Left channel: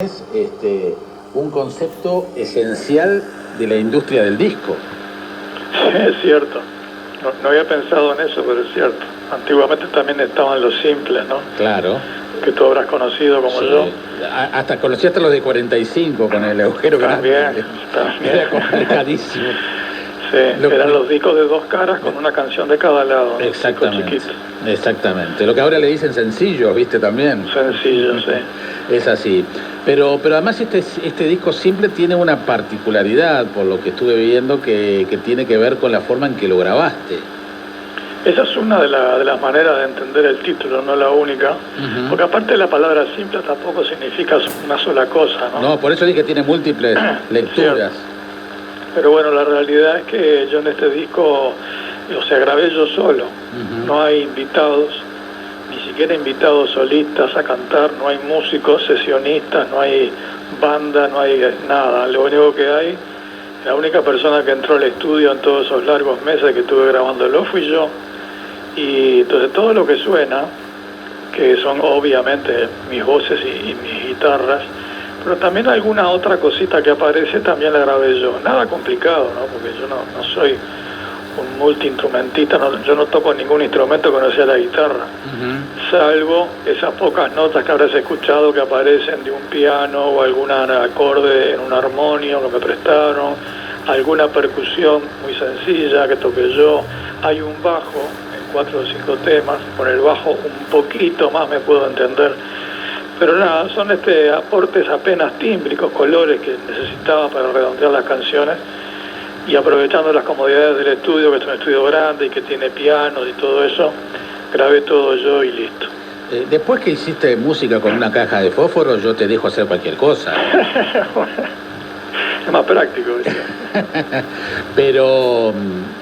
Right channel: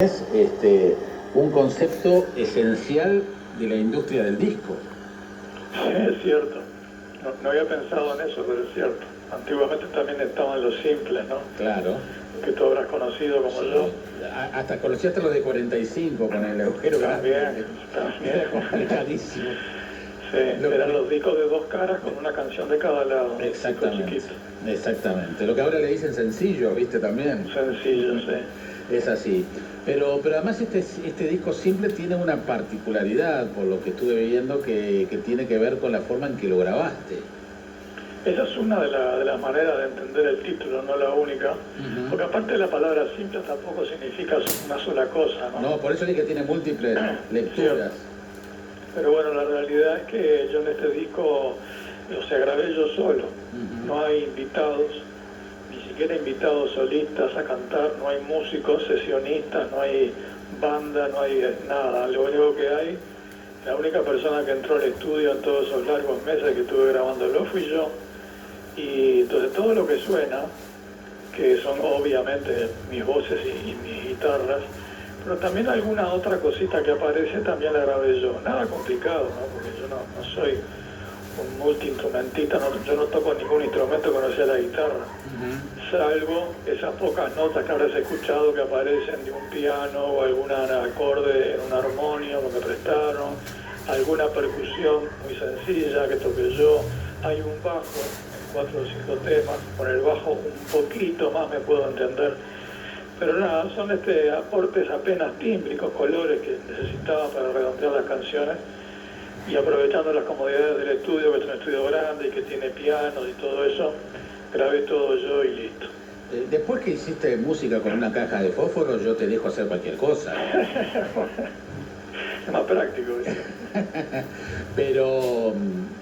Es un concepto esencial de la industria del disco. Sí, es cierto. No había pensado en eso, pero es cierto. Antiguamente también estaban los simples, ¿no? Claro. Que tú habrás conocido como Sí. yo. Hasta conocí hasta los de 45 con el agujero También. Era complicadísimo. Sí, eran los discos de dos caras con una canción de cada lado, ¿no? Exactamente. Exactamente. Lo que ahora le dicen sencillos, ¿viste? También. Sencillo, sí. Es así. Pero además este disco simple tiene una particularidad, por lo que estuve viendo, que tiene que ver con la forma en que lo grabaste. Esa es una de las maneras de entender el título, no la única. Porque aparte la palabra simple tampoco significa una sola cosa, ¿no? No, por eso dije que tiene múltiples lecturas. Pero bueno, la realidad es que yo en este disco, grabé yo solo. No hay invitados, ni siquiera invitados solistas a cantar, no hay músicos, sesionistas, no hay banda, no hay nada. Lo único que hay, la única persona que entró al estudio en todos esos largos meses que estuve grabándolo fui yo. Y entonces todo lo que suena, que son obviamente mis voces y mis guitarras, pero también alguna otra cosita que aparece también la grabé yo. Nada complicado, ¿no? Porque yo no soy un multiinstrumentista, yo no toco ningún instrumento que no sea la guitarra, salvo esas pocas notas que habrás escuchado que aparecen de un piano o algún acorde en un armonio que me prestaron, alguna percusión muy sencilla que toqué yo. Hay un bajo en 4 o 5 temas, con el bajo un poquito más me puedo entender, pero nada, son aportes apenas tímbricos, colores que necesitaba para redondear las canciones. Y aprovechando las comodidades del estudio, que es un estudio grande y que tiene pianos y todo eso, grabé todo yo y listo. Después que hiciste música con una caja de fósforo, yo te dejo hacer cualquier cosa. Bueno, es más práctico eso.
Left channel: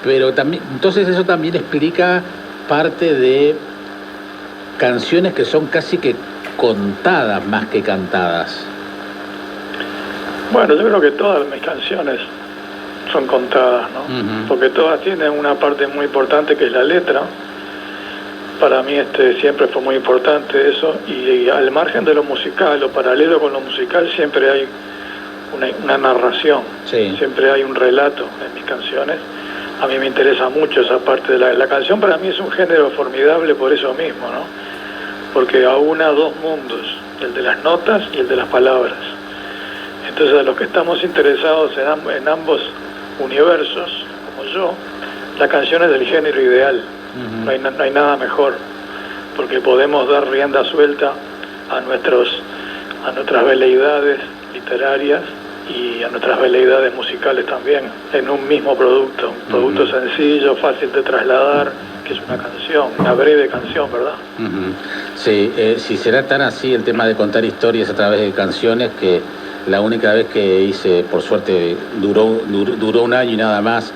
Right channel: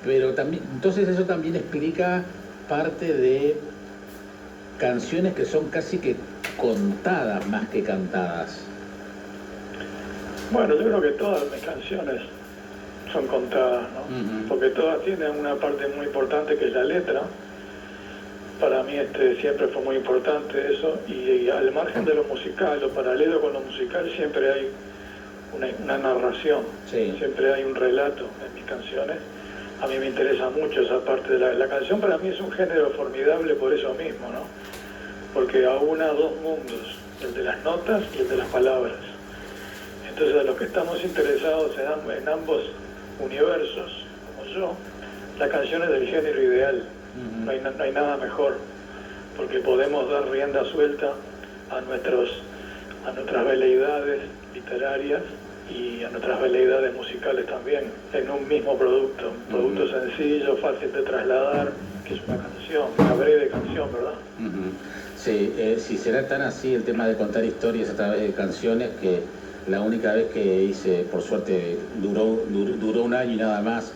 pero también, entonces eso también explica parte de canciones que son casi que contadas más que cantadas. Bueno, yo creo que todas mis canciones son contadas, ¿no? Porque todas tienen una parte muy importante que es la letra. Para mí siempre fue muy importante eso, y al margen de lo musical o paralelo con lo musical siempre hay una narración, siempre hay un relato en mis canciones. A mí me interesa mucho esa parte de la canción. Para mí es un género formidable por eso mismo, ¿no? Porque aúna dos mundos, el de las notas y el de las palabras. Entonces a los que estamos interesados en ambos universos, como yo, la canción es del género ideal. No hay nada mejor, porque podemos dar rienda suelta a nuestras veleidades literarias y a nuestras veleidades musicales también, en un mismo producto, un producto sencillo, fácil de trasladar, que es una canción, una breve canción, ¿verdad? Sí, si será tan así el tema de contar historias a través de canciones, que la única vez que hice, por suerte, duró un año y nada más,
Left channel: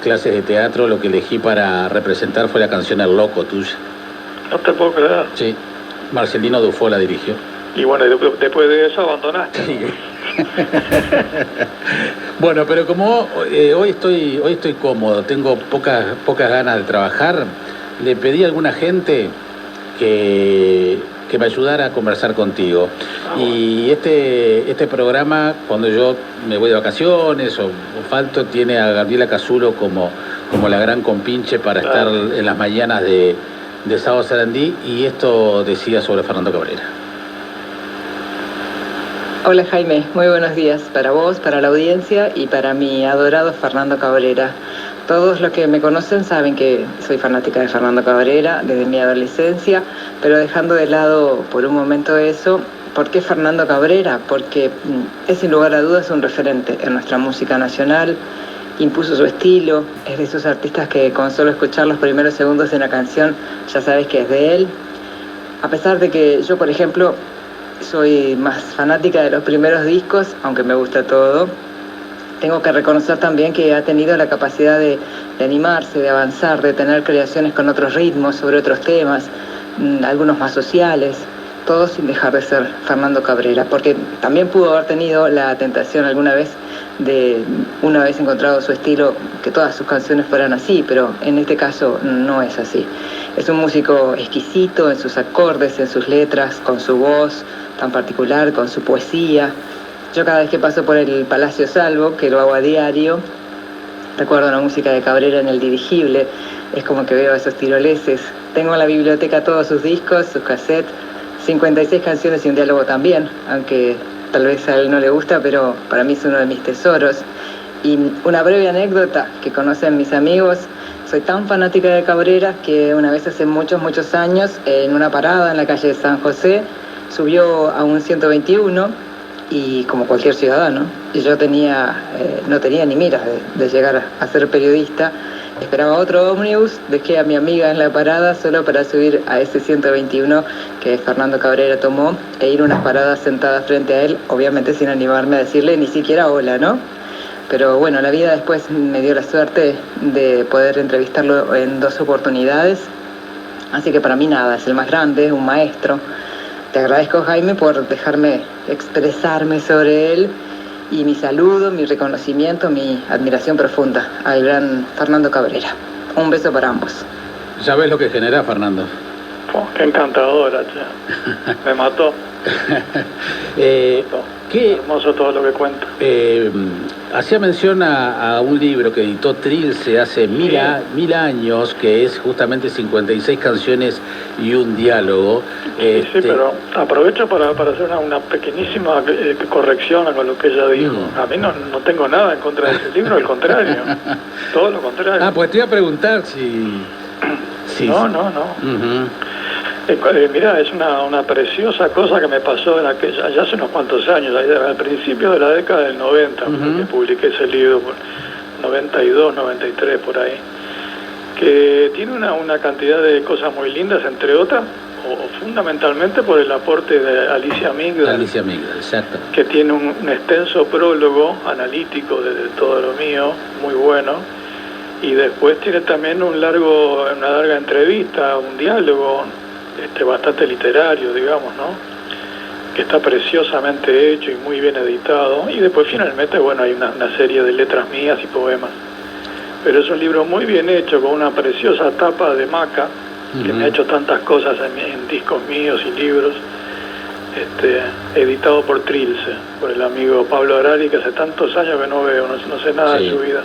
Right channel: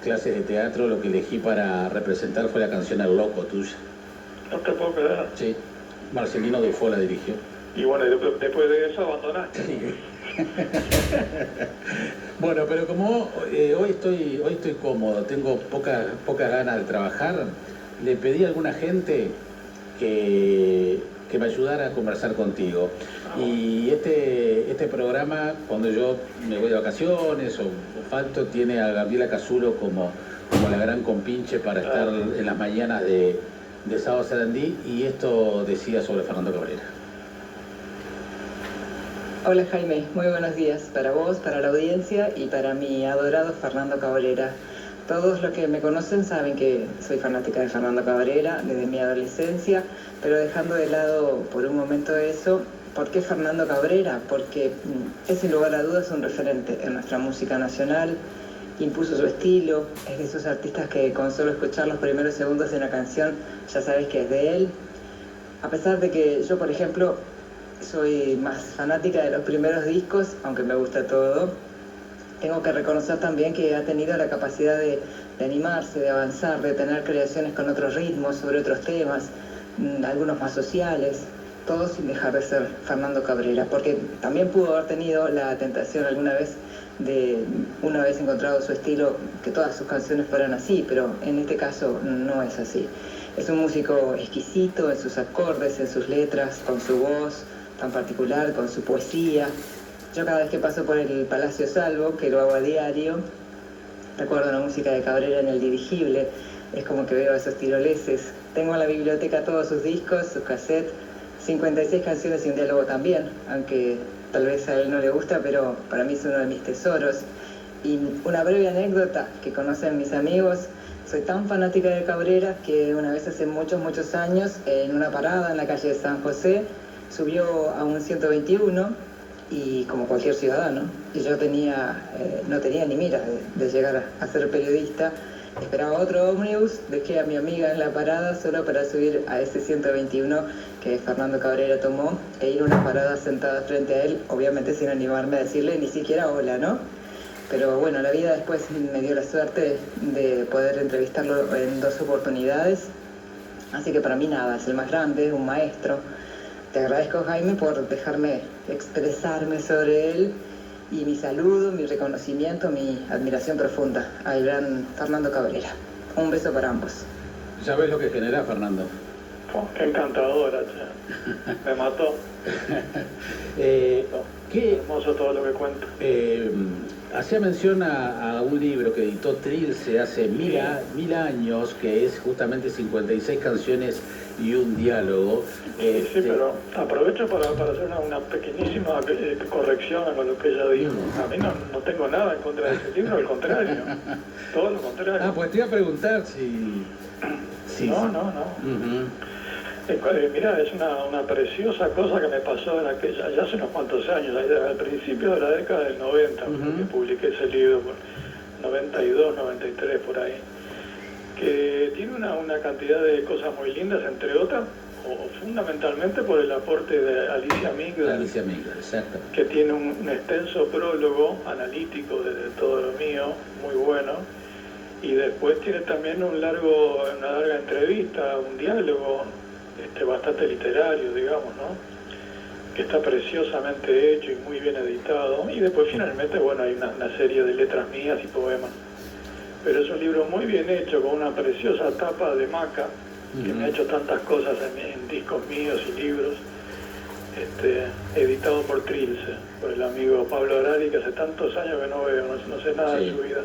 clases de teatro, lo que elegí para representar fue la canción El Loco, tuya. No te puedo creer. Sí, Marcelino Dufo la dirigió. Y bueno, después de eso abandonaste. Sí. Bueno, pero como hoy estoy cómodo, tengo pocas ganas de trabajar, le pedí a alguna gente que me ayudara a conversar contigo. Y este programa, cuando yo me voy de vacaciones o falto, tiene a Gabriela Casulo como la gran compinche para estar en las mañanas de Sábado Sarandí, y esto decía sobre Fernando Cabrera. Hola Jaime, muy buenos días para vos, para la audiencia y para mi adorado Fernando Cabrera. Todos los que me conocen saben que soy fanática de Fernando Cabrera desde mi adolescencia, pero dejando de lado por un momento eso, ¿por qué Fernando Cabrera? Porque es sin lugar a dudas un referente en nuestra música nacional, impuso su estilo, es de esos artistas que con solo escuchar los primeros segundos de una canción ya sabes que es de él. A pesar de que yo, por ejemplo, soy más fanática de los primeros discos, aunque me gusta todo, tengo que reconocer también que ha tenido la capacidad de animarse, de avanzar, de tener creaciones con otros ritmos, sobre otros temas, algunos más sociales, todo sin dejar de ser Fernando Cabrera, porque también pudo haber tenido la tentación alguna vez de, una vez encontrado su estilo, que todas sus canciones fueran así, pero en este caso no es así. Es un músico exquisito en sus acordes, en sus letras, con su voz, tan particular, con su poesía. Yo cada vez que paso por el Palacio Salvo, que lo hago a diario, recuerdo la música de Cabrera en el dirigible, es como que veo esos tiroleses. Tengo en la biblioteca todos sus discos, sus cassettes, 56 canciones y un diálogo también, aunque tal vez a él no le gusta, pero para mí es uno de mis tesoros. Y una breve anécdota que conocen mis amigos: soy tan fanática de Cabrera que una vez hace muchos años, en una parada en la calle de San José, subió a un 121, y como cualquier ciudadano, y yo no tenía ni mira de llegar a ser periodista. Esperaba otro ómnibus, dejé a mi amiga en la parada solo para subir a ese 121 que Fernando Cabrera tomó e ir unas paradas sentada frente a él, obviamente sin animarme a decirle ni siquiera hola, ¿no? Pero bueno, la vida después me dio la suerte de poder entrevistarlo en 2 oportunidades, así que para mí nada, es el más grande, un maestro. Te agradezco, Jaime, por dejarme expresarme sobre él, y mi saludo, mi reconocimiento, mi admiración profunda al gran Fernando Cabrera. Un beso para ambos. Ya ves lo que genera, Fernando. Oh, qué encantadora, che. Me mató. Qué hermoso todo lo que cuenta. Hacía mención a un libro que editó Trilce hace mil años, que es justamente 56 canciones y un diálogo. Sí, pero aprovecho para hacer una pequeñísima corrección a lo que ella dijo. A mí no tengo nada en contra de ese libro, al contrario. Todo lo contrario. Pues te iba a preguntar si... No. Mirá, es una preciosa cosa que me pasó allá hace unos cuantos años, al principio de la década del 90, que publiqué ese libro, 92, 93, por ahí, que tiene una cantidad de cosas muy lindas, entre otras, o fundamentalmente por el aporte de Alicia Migdal, exacto, que tiene un extenso prólogo analítico de todo lo mío, muy bueno, y después tiene también una larga entrevista, un diálogo, bastante literario, digamos, ¿no? Que está preciosamente hecho y muy bien editado. Y después finalmente, bueno, hay una serie de letras mías y poemas. Pero es un libro muy bien hecho, con una preciosa tapa de Maca, que me ha hecho tantas cosas en discos míos y libros, editado por Trilce, por el amigo Pablo Arari, que hace tantos años que no veo, no sé nada de su vida.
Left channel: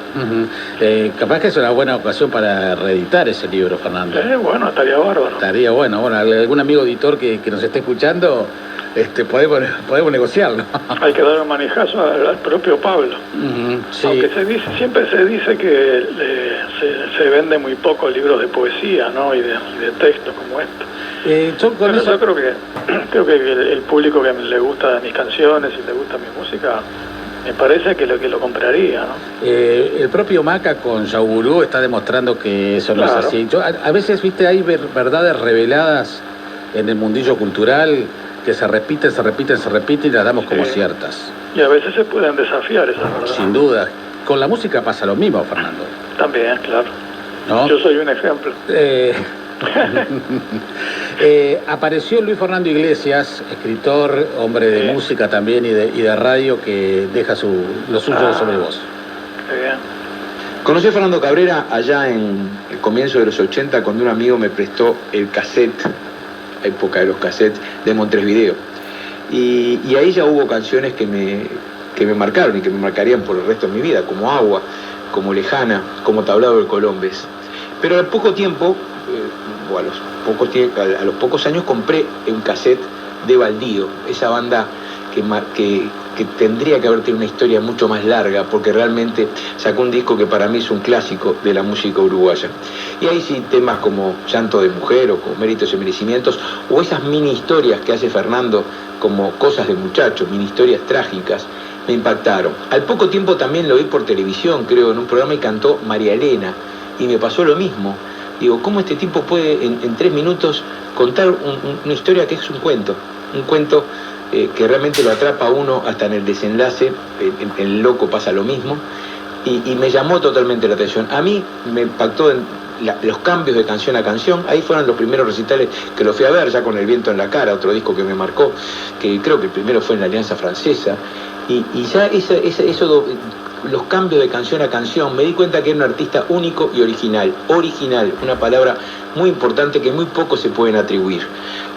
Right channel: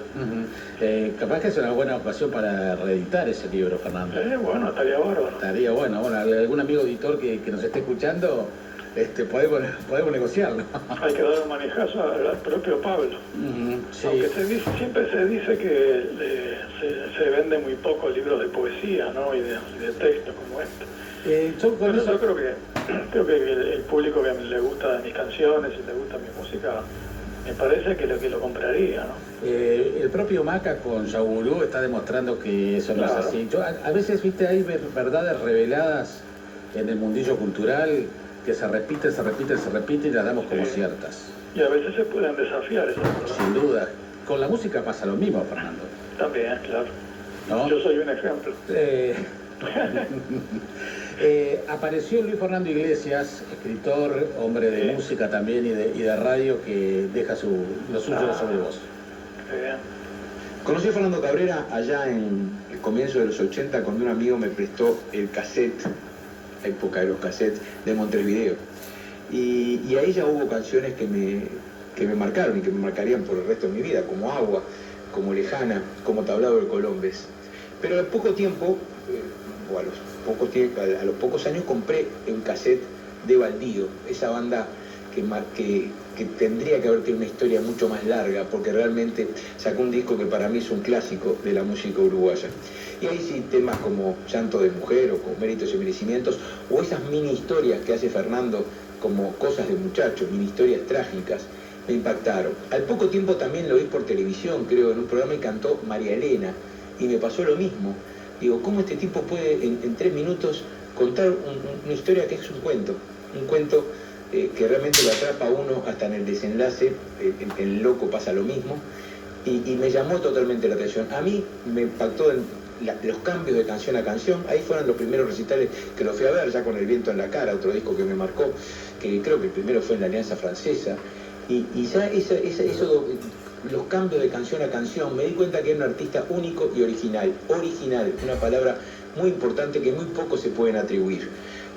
Capaz que es una buena ocasión para reeditar ese libro, Fernando. Bueno, estaría bárbaro. Estaría bueno. Bueno, algún amigo editor que nos esté escuchando, podemos negociarlo. Hay que dar un manejazo al propio Pablo. Sí. Aunque siempre se dice que se vende muy poco libros de poesía, ¿no? y de textos como esto. Yo creo que el público que le gusta mis canciones y le gusta mi música, me parece que lo compraría, ¿no? El propio Maca con Yaugurú está demostrando que eso no es así. A veces, viste, hay verdades reveladas en el mundillo cultural que se repiten y las damos como ciertas. Y a veces se pueden desafiar esas verdades. Sin duda. Con la música pasa lo mismo, Fernando. También, claro. ¿No? Yo soy un ejemplo. Apareció Luis Fernando Iglesias, escritor, hombre de música también y de radio, que deja lo suyo sobre vos. Bien. Conocí a Fernando Cabrera allá en el comienzo de los 80, cuando un amigo me prestó el cassette, época de los cassettes, de Montevideo. Y ahí ya hubo canciones que me marcaron y que me marcarían por el resto de mi vida, como Agua, como Lejana, como Tablado de Colombes. Pero al poco tiempo, a los pocos años, compré un cassette de Baldío, esa banda que tendría que haber tenido una historia mucho más larga, porque realmente sacó un disco que para mí es un clásico de la música uruguaya. Y ahí sí, temas como Llanto de Mujer o como Méritos y Merecimientos, o esas mini historias que hace Fernando como Cosas de Muchacho, mini historias trágicas, me impactaron. Al poco tiempo también lo vi por televisión, creo, en un programa, y cantó María Elena, y me pasó lo mismo. Digo, ¿cómo este tipo puede en 3 minutos contar una historia que es un cuento que realmente lo atrapa a uno hasta en el desenlace? El Loco pasa lo mismo, y me llamó totalmente la atención. A mí me impactó los cambios de canción a canción. Ahí fueron los primeros recitales que lo fui a ver, ya con El Viento en la Cara, otro disco que me marcó, que creo que el primero fue en la Alianza Francesa, y ya los cambios de canción a canción, me di cuenta que era un artista único y original, una palabra muy importante que muy pocos se pueden atribuir.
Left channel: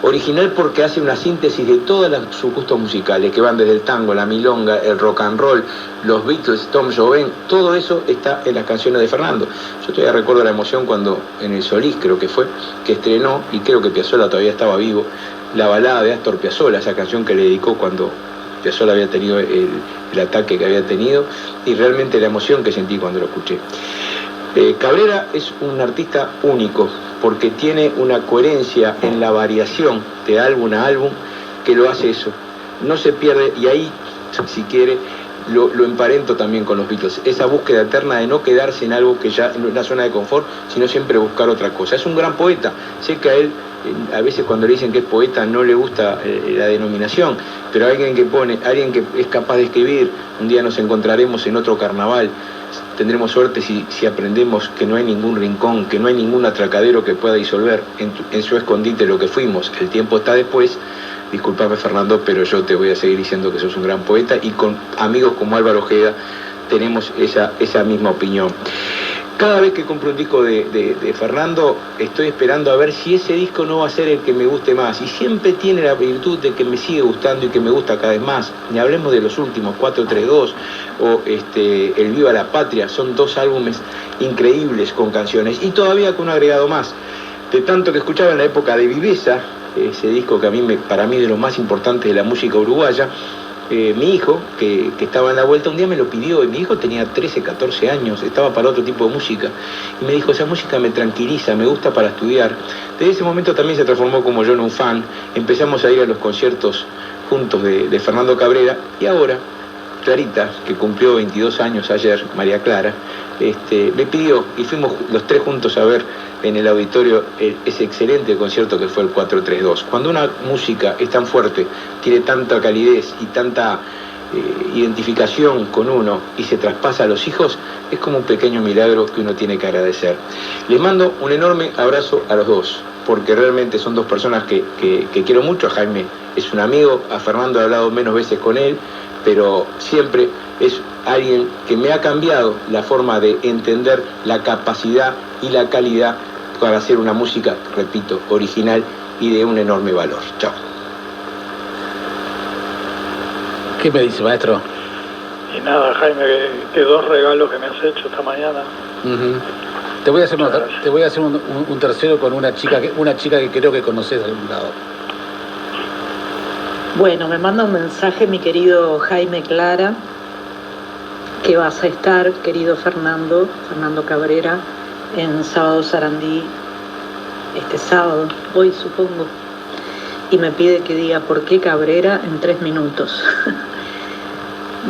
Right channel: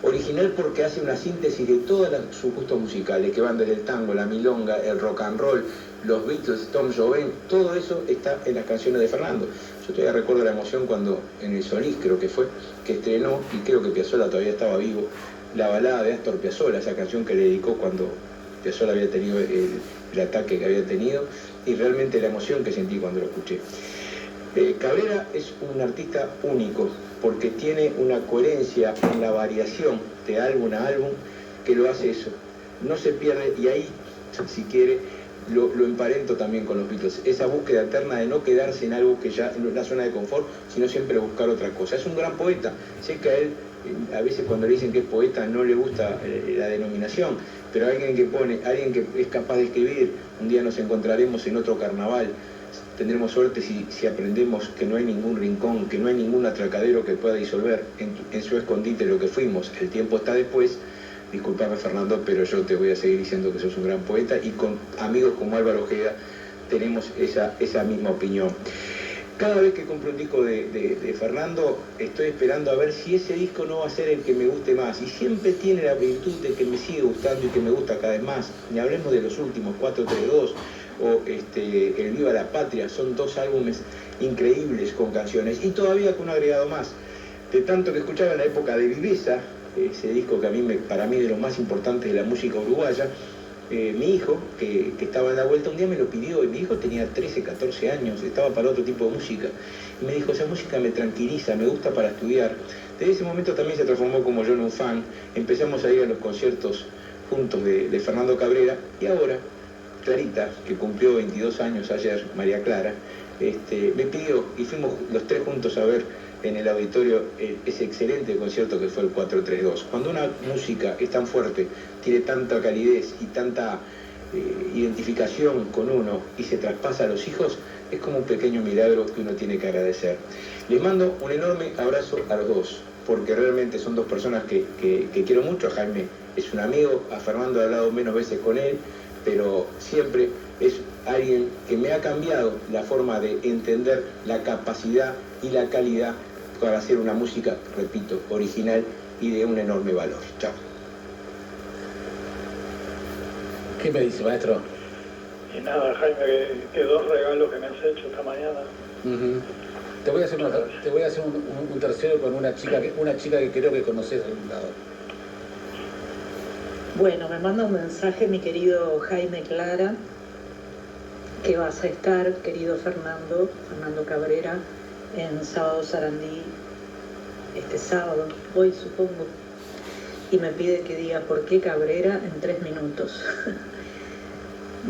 Original porque hace una síntesis de todos sus gustos musicales, que van desde el tango, la milonga, el rock and roll, los Beatles, Tom Joven, todo eso está en las canciones de Fernando. Yo todavía recuerdo la emoción cuando en el Solís, creo que fue, que estrenó, y creo que Piazzolla todavía estaba vivo, la balada de Astor Piazzolla, esa canción que le dedicó cuando Piazzolla había tenido el ataque que había tenido, y realmente la emoción que sentí cuando lo escuché. Cabrera es un artista único, porque tiene una coherencia en la variación de álbum a álbum que lo hace eso. No se pierde, y ahí, si quiere, lo emparento también con los Beatles. Esa búsqueda eterna de no quedarse en algo que ya no es la zona de confort, sino siempre buscar otra cosa. Es un gran poeta. Sé que a él, a veces cuando le dicen que es poeta, no le gusta la denominación, pero alguien que es capaz de escribir, un día nos encontraremos en otro carnaval. Tendremos suerte si aprendemos que no hay ningún rincón, que no hay ningún atracadero que pueda disolver en su escondite lo que fuimos. El tiempo está después. Disculpame, Fernando, pero yo te voy a seguir diciendo que sos un gran poeta, y con amigos como Álvaro Ojeda tenemos esa misma opinión. Cada vez que compro un disco de Fernando, estoy esperando a ver si ese disco no va a ser el que me guste más, y siempre tiene la virtud de que me sigue gustando y que me gusta cada vez más. Ni hablemos de los últimos, 432 o El Viva la Patria, son dos álbumes increíbles con canciones, y todavía con un agregado más. De tanto que escuchaba en la época de Viveza, ese disco que para mí de los más importantes de la música uruguaya, mi hijo, que estaba en la vuelta, un día me lo pidió, y mi hijo tenía 13, 14 años, estaba para otro tipo de música, y me dijo, esa música me tranquiliza, me gusta para estudiar. Desde ese momento también se transformó como yo en un fan, empezamos a ir a los conciertos juntos de Fernando Cabrera, y ahora Clarita, que cumplió 22 años ayer, María Clara, me pidió, y fuimos los tres juntos a ver en el auditorio ese excelente concierto que fue el 432. Cuando una música es tan fuerte, tiene tanta calidez y tanta identificación con uno, y se traspasa a los hijos, es como un pequeño milagro que uno tiene que agradecer. Les mando un enorme abrazo a los dos, porque realmente son dos personas que quiero mucho. A Jaime es un amigo, a Fernando he hablado menos veces con él, pero siempre es alguien que me ha cambiado la forma de entender la capacidad y la calidad para hacer una música, repito, original y de un enorme valor. Chao. ¿Qué me dice, maestro? Y nada, Jaime, que dos regalos que me has hecho esta mañana. Te voy a hacer un tercero con una chica que creo que conoces de algún lado. Bueno, me manda un mensaje mi querido Jaime Clara, que vas a estar, querido Fernando Cabrera, en Sábado Sarandí, este sábado, hoy supongo, y me pide que diga por qué Cabrera en 3 minutos.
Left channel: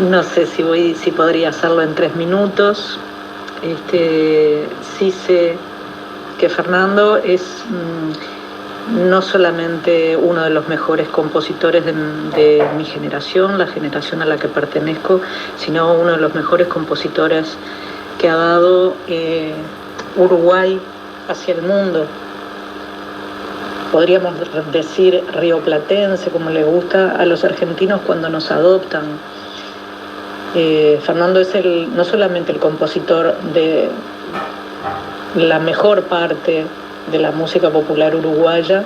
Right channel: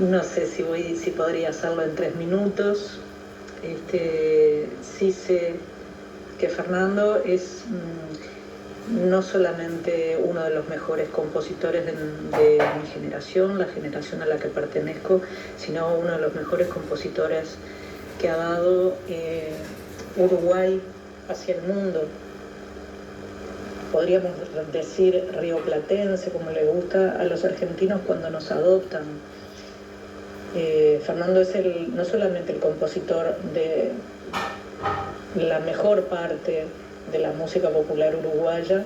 No sé si podría hacerlo en 3 minutos. Sí sé que Fernando es no solamente uno de los mejores compositores de mi generación, la generación a la que pertenezco, sino uno de los mejores compositores que ha dado Uruguay hacia el mundo. Podríamos decir rioplatense, como le gusta a los argentinos cuando nos adoptan. Fernando es no solamente el compositor de la mejor parte de la música popular uruguaya,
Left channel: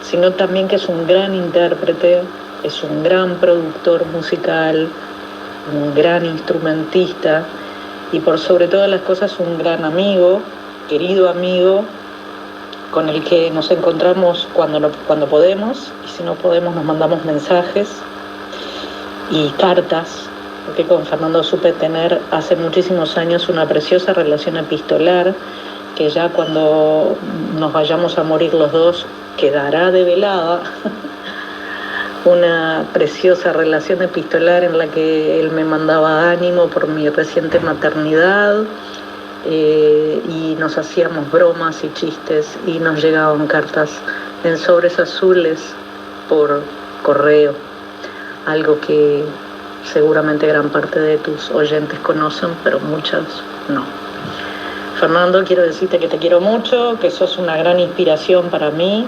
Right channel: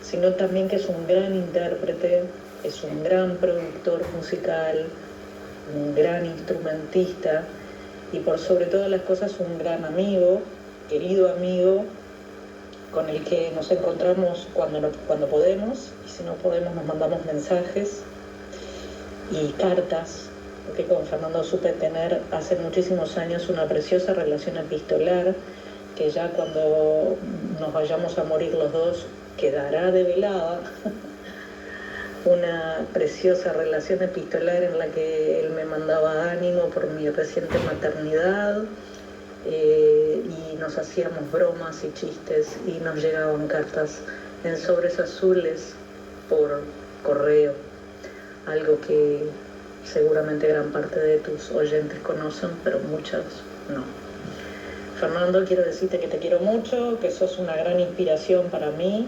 sino también que es un gran intérprete, es un gran productor musical, un gran instrumentista, y por sobre todas las cosas un gran amigo, querido amigo, con el que nos encontramos cuando podemos, y si no podemos nos mandamos mensajes y cartas, porque con Fernando supe tener hace muchísimos años una preciosa relación epistolar, que ya cuando nos vayamos a morir los dos quedará develada. Una preciosa relación epistolar en la que él me mandaba ánimo por mi reciente maternidad, y nos hacíamos bromas y chistes, y nos llegaban cartas en sobres azules por correo, algo que seguramente gran parte de tus oyentes conocen, pero muchas no. Fernando, quiero decirte que te quiero mucho, que sos una gran inspiración para mí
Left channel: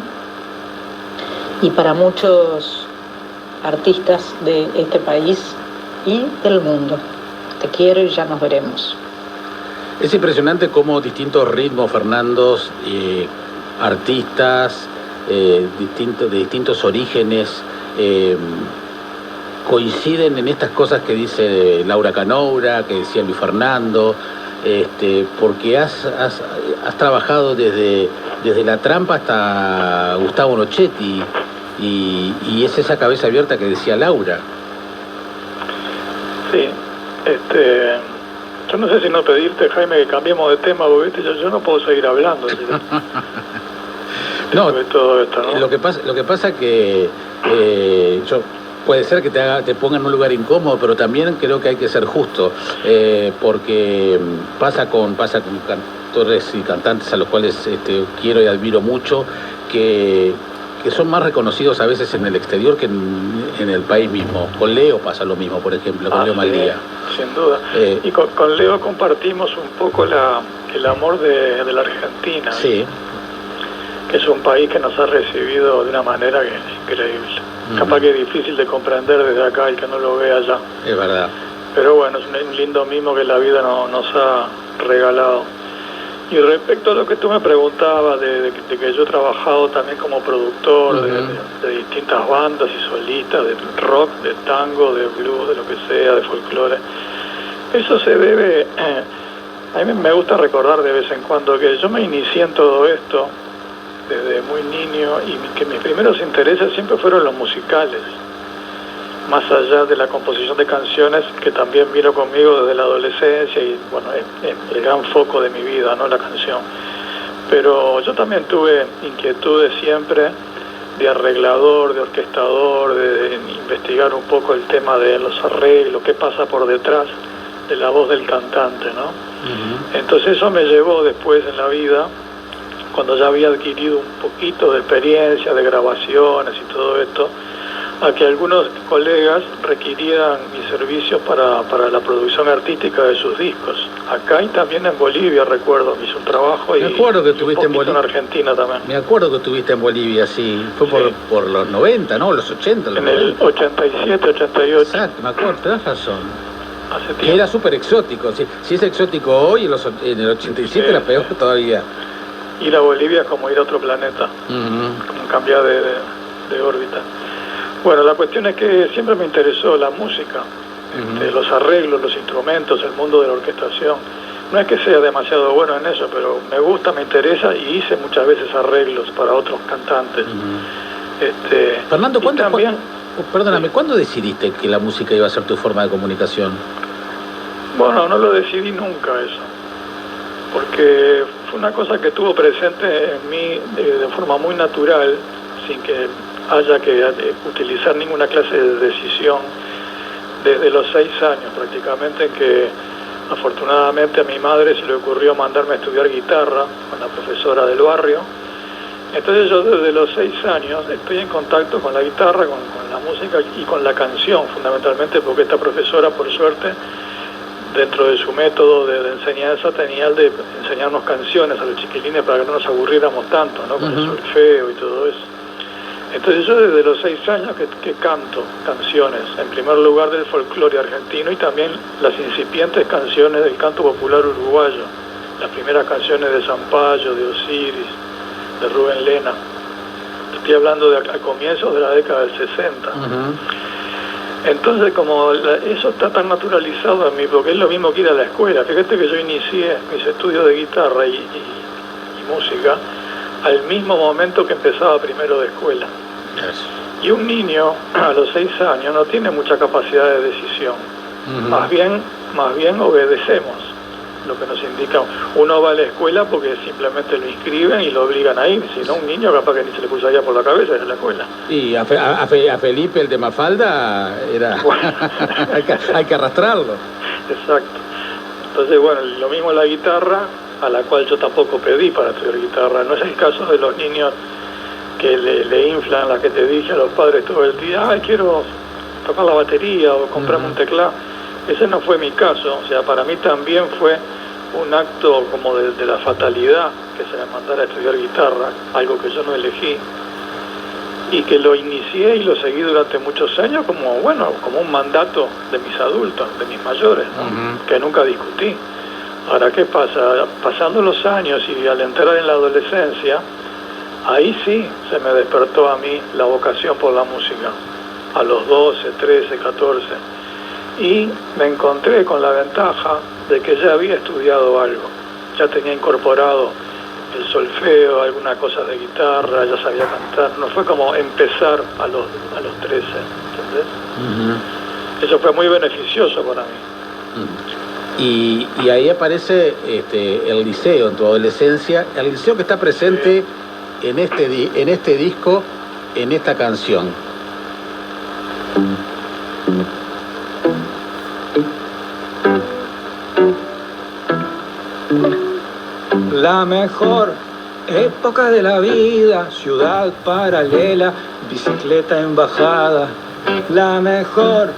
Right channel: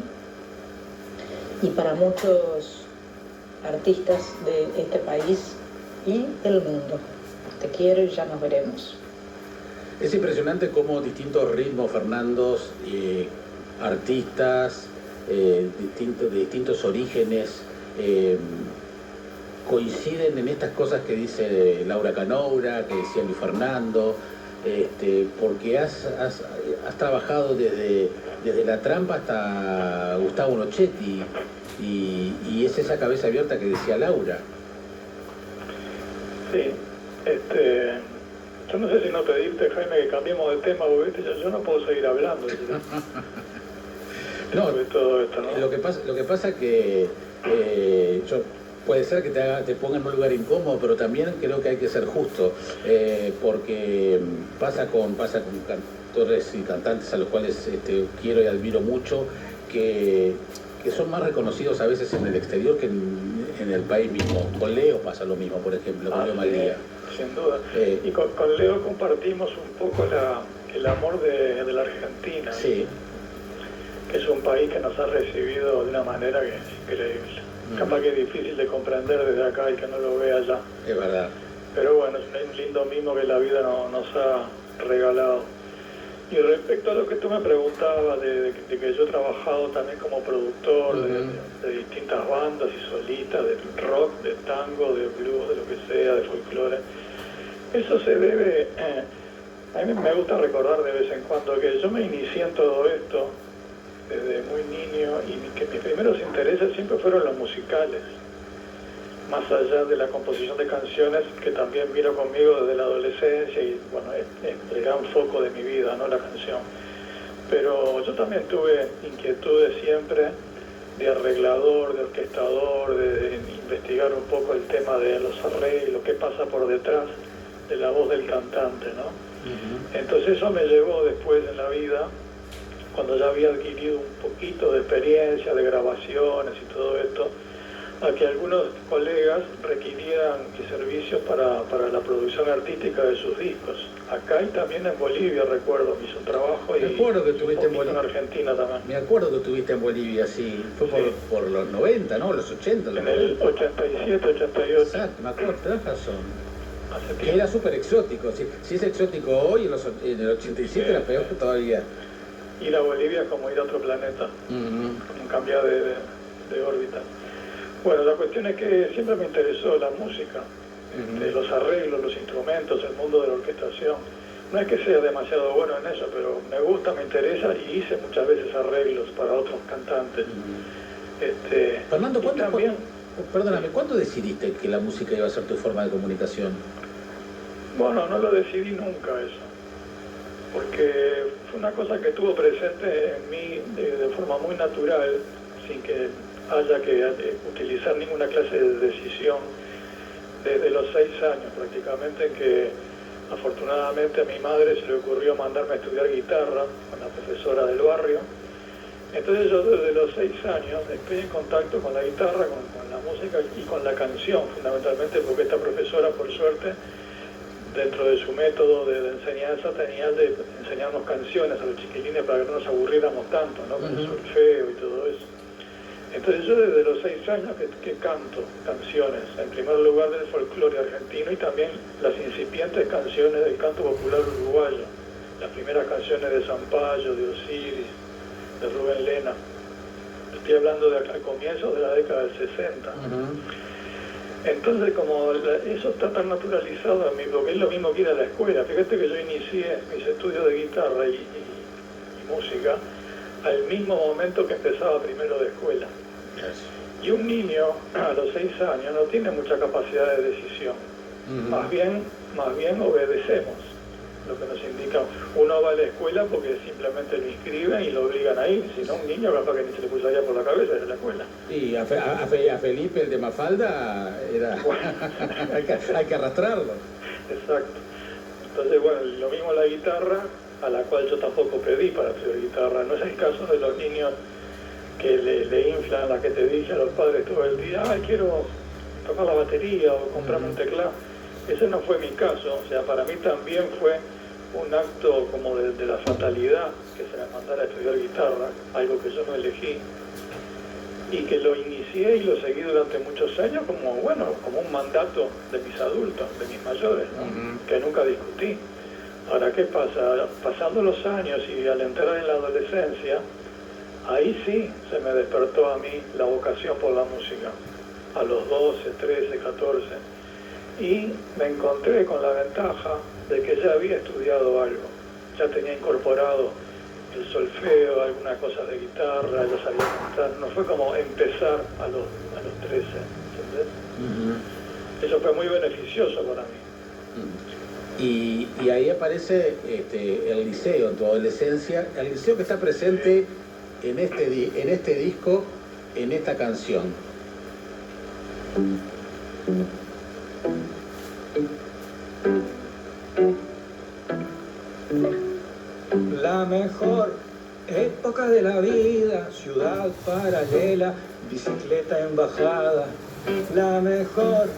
y para muchos artistas de este país y del mundo. Te quiero y ya nos veremos. Es impresionante cómo distintos ritmos, Fernando, artistas de distintos orígenes coinciden en estas cosas que dice Laura Canoura, que decía Luis Fernando, porque has trabajado desde La Trampa hasta Gustavo Nochetti, y es esa cabeza abierta que decía Laura. Sí, yo no sé si no pedirte, Jaime, que cambiemos de tema, porque yo no puedo seguir hablando. No, de todo esto, ¿no? Lo que pasa que puede ser que te ponga en un lugar incómodo, pero también creo que hay que ser justo, porque pasa con cantores y cantantes a los cuales quiero y admiro mucho, que son más reconocidos a veces en el exterior que en el país mismo. Con Leo pasa lo mismo, por ejemplo, con Leo Maldía. Sin duda. Y con Leo compartimos un poco el amor de la Argentina. Sí. Que es un país que nos ha recibido de una manera que es increíble. Capaz que es difícil de comprender desde acá y que no lo vea allá. Es verdad. Pero bueno, es un lindo mimo que la vida nos ha regalado. Y respecto a lo que tú me preguntabas, de que yo he trabajado también como productor de distintas bandas y solistas, de rock, de tango, de blues, de lo que sea, de folclore, eso se debe... a mí me gusta recordar de vez en cuando que yo me inicié en todo esto desde muy niño, y que mis primeros intereses siempre fueron los musicales, más allá de la composición de canciones, que también vino conmigo desde la adolescencia y bueno, es el gran foco de mi vida, ¿no? La canción. Pero yo también tuve inquietudes siempre de arreglador, de orquestador, de investigar un poco el tema de los arreglos, qué pasa por detrás de la voz del cantante, ¿no? Entonces eso me llevó después en la vida, cuando ya había adquirido un poquito de experiencia, de grabaciones y todo esto, a que algunos colegas requirieran mis servicios para la producción artística de sus discos. Acá y también en Bolivia, recuerdo, hice un trabajo y, me acuerdo que y un poquito en Argentina también. Me acuerdo que estuviste en Bolivia, sí. Fue por los 90, ¿no? Los 80. En el 87, 88. Exacto, me acuerdo, tenés razón. Hace tiempo. Que era súper exótico. Si es exótico hoy, en el 87 era peor todavía. Ir a Bolivia es como ir a otro planeta, como cambiar de órbita. Bueno, la cuestión es que siempre me interesó la música, los arreglos, los instrumentos, el mundo de la orquestación. No es que sea demasiado bueno en eso, pero me gusta, me interesa, y hice muchas veces arreglos para otros cantantes. Fernando, perdóname, sí. ¿Cuándo decidiste que la música iba a ser tu forma de comunicación? Bueno, no lo decidí nunca eso, porque fue una cosa que estuvo presente en mí de forma muy natural, sin que haya que utilizar ninguna clase de decisión, desde los 6 años prácticamente, que afortunadamente a mi madre se le ocurrió mandarme a estudiar guitarra con la profesora del barrio. Entonces yo desde los 6 años estoy en contacto con la guitarra, con la música y con la canción fundamentalmente, porque esta profesora, por suerte, dentro de su método de enseñanza, tenía el de enseñarnos canciones a los chiquilines para que no nos aburriéramos tanto, ¿no? Con el solfeo y todo eso. Entonces yo desde los 6 años que canto canciones, en primer lugar del folclore argentino y también las incipientes canciones del canto popular uruguayo, las primeras canciones de Zampayo, de Osiris, de Rubén Lena. Estoy hablando a comienzos de la década del 60. Entonces, como eso está tan naturalizado en mí, porque es lo mismo que ir a la escuela. Fíjate que yo inicié mis estudios de guitarra y música al mismo momento que empezaba primero de escuela. Y un niño a los 6 años no tiene mucha capacidad de decisión. Más bien obedecemos lo que nos indica. Uno va a la escuela porque simplemente lo inscriben y lo obligan a ir. Si no, un niño capaz que ni se le cruzaría por la cabeza ir a la escuela. Y a Felipe, el de Mafalda, era bueno. hay que arrastrarlo. Exacto. Entonces, bueno, lo mismo la guitarra, a la cual yo tampoco pedí para estudiar guitarra. No es el caso de los niños que le inflan, la que te dije a los padres todo el día, quiero tocar la batería o comprarme un teclado. Ese no fue mi caso. O sea, para mí también fue un acto como de la fatalidad que se me mandara a estudiar guitarra, algo que yo no elegí, y que lo inicié y lo seguí durante muchos años como un mandato de mis adultos, de mis mayores, ¿no? Que nunca discutí. Ahora, ¿qué pasa? Pasando los años y al entrar en la adolescencia, ahí sí se me despertó a mí la vocación por la música, a los 12, 13, 14. Y me encontré con la ventaja de que ya había estudiado algo, ya tenía incorporado el solfeo, alguna cosa de guitarra, ya sabía cantar. No fue como empezar a los 13, ¿entendés? Uh-huh. Eso fue muy beneficioso para mí. Y ahí aparece el liceo en tu adolescencia, el liceo que está presente en este disco, en esta canción. La mejor época de la vida, ciudad paralela, bicicleta en bajada. La mejor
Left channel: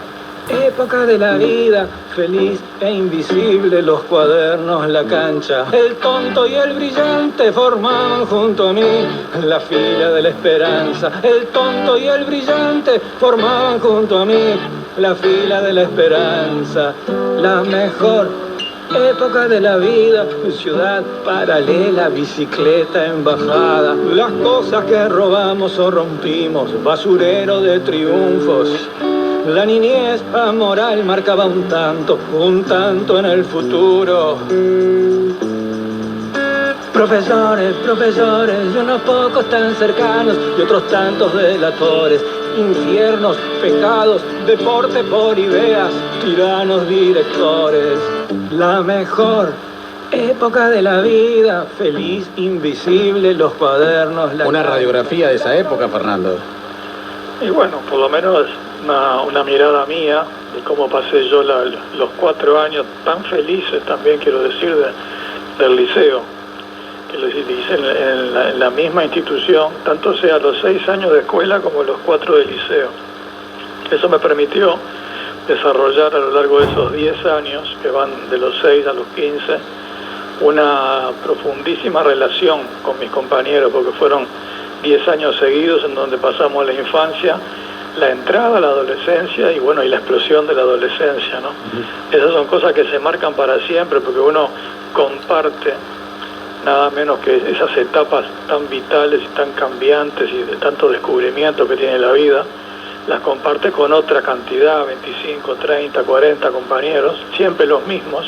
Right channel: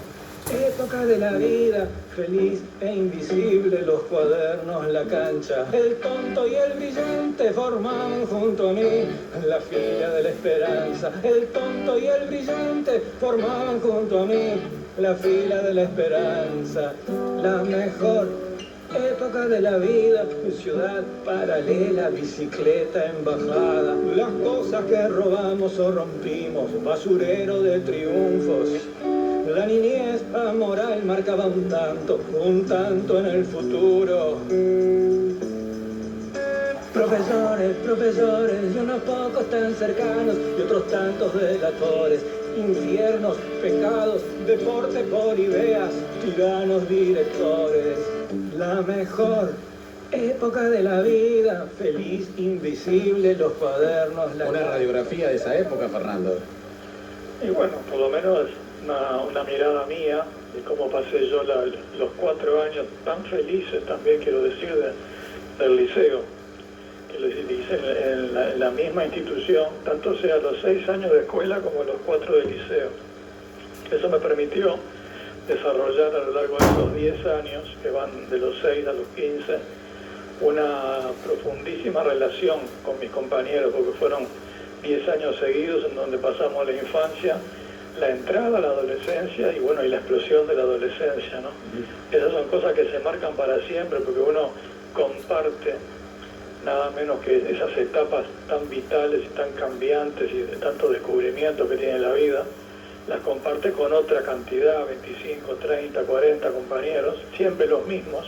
época de la vida, feliz e invisible, los cuadernos, la cancha. El tonto y el brillante formaban junto a mí la fila de la esperanza. El tonto y el brillante formaban junto a mí la fila de la esperanza. La mejor época de la vida, ciudad paralela, bicicleta en bajada. Las cosas que robamos o rompimos, basurero de triunfos. La niñez amoral marcaba un tanto en el futuro. Profesores, y unos pocos tan cercanos y otros tantos delatores. Infiernos, pecados, deporte por ideas, tiranos directores. La mejor época de la vida, feliz, invisible, los cuadernos. Una radiografía de esa época, Fernando. Y bueno, por lo menos una mirada mía de cómo pasé yo los 4 años tan felices, también quiero decir, del liceo, que lo hice en la misma institución, tanto sea los 6 años de escuela como los 4 de liceo. Eso me permitió desarrollar a lo largo de esos 10 años, que van de los 6 a los 15, una profundísima relación con mis compañeros, porque fueron 10 años seguidos en donde pasamos la infancia, la entrada a la adolescencia y bueno, y la explosión de la adolescencia, ¿no? Esas son cosas que se marcan para siempre, porque uno comparte nada menos que esas etapas tan vitales y tan cambiantes y de tanto descubrimiento que tiene la vida, las comparte con otra cantidad, 25, 30, 40 compañeros, siempre los mismos,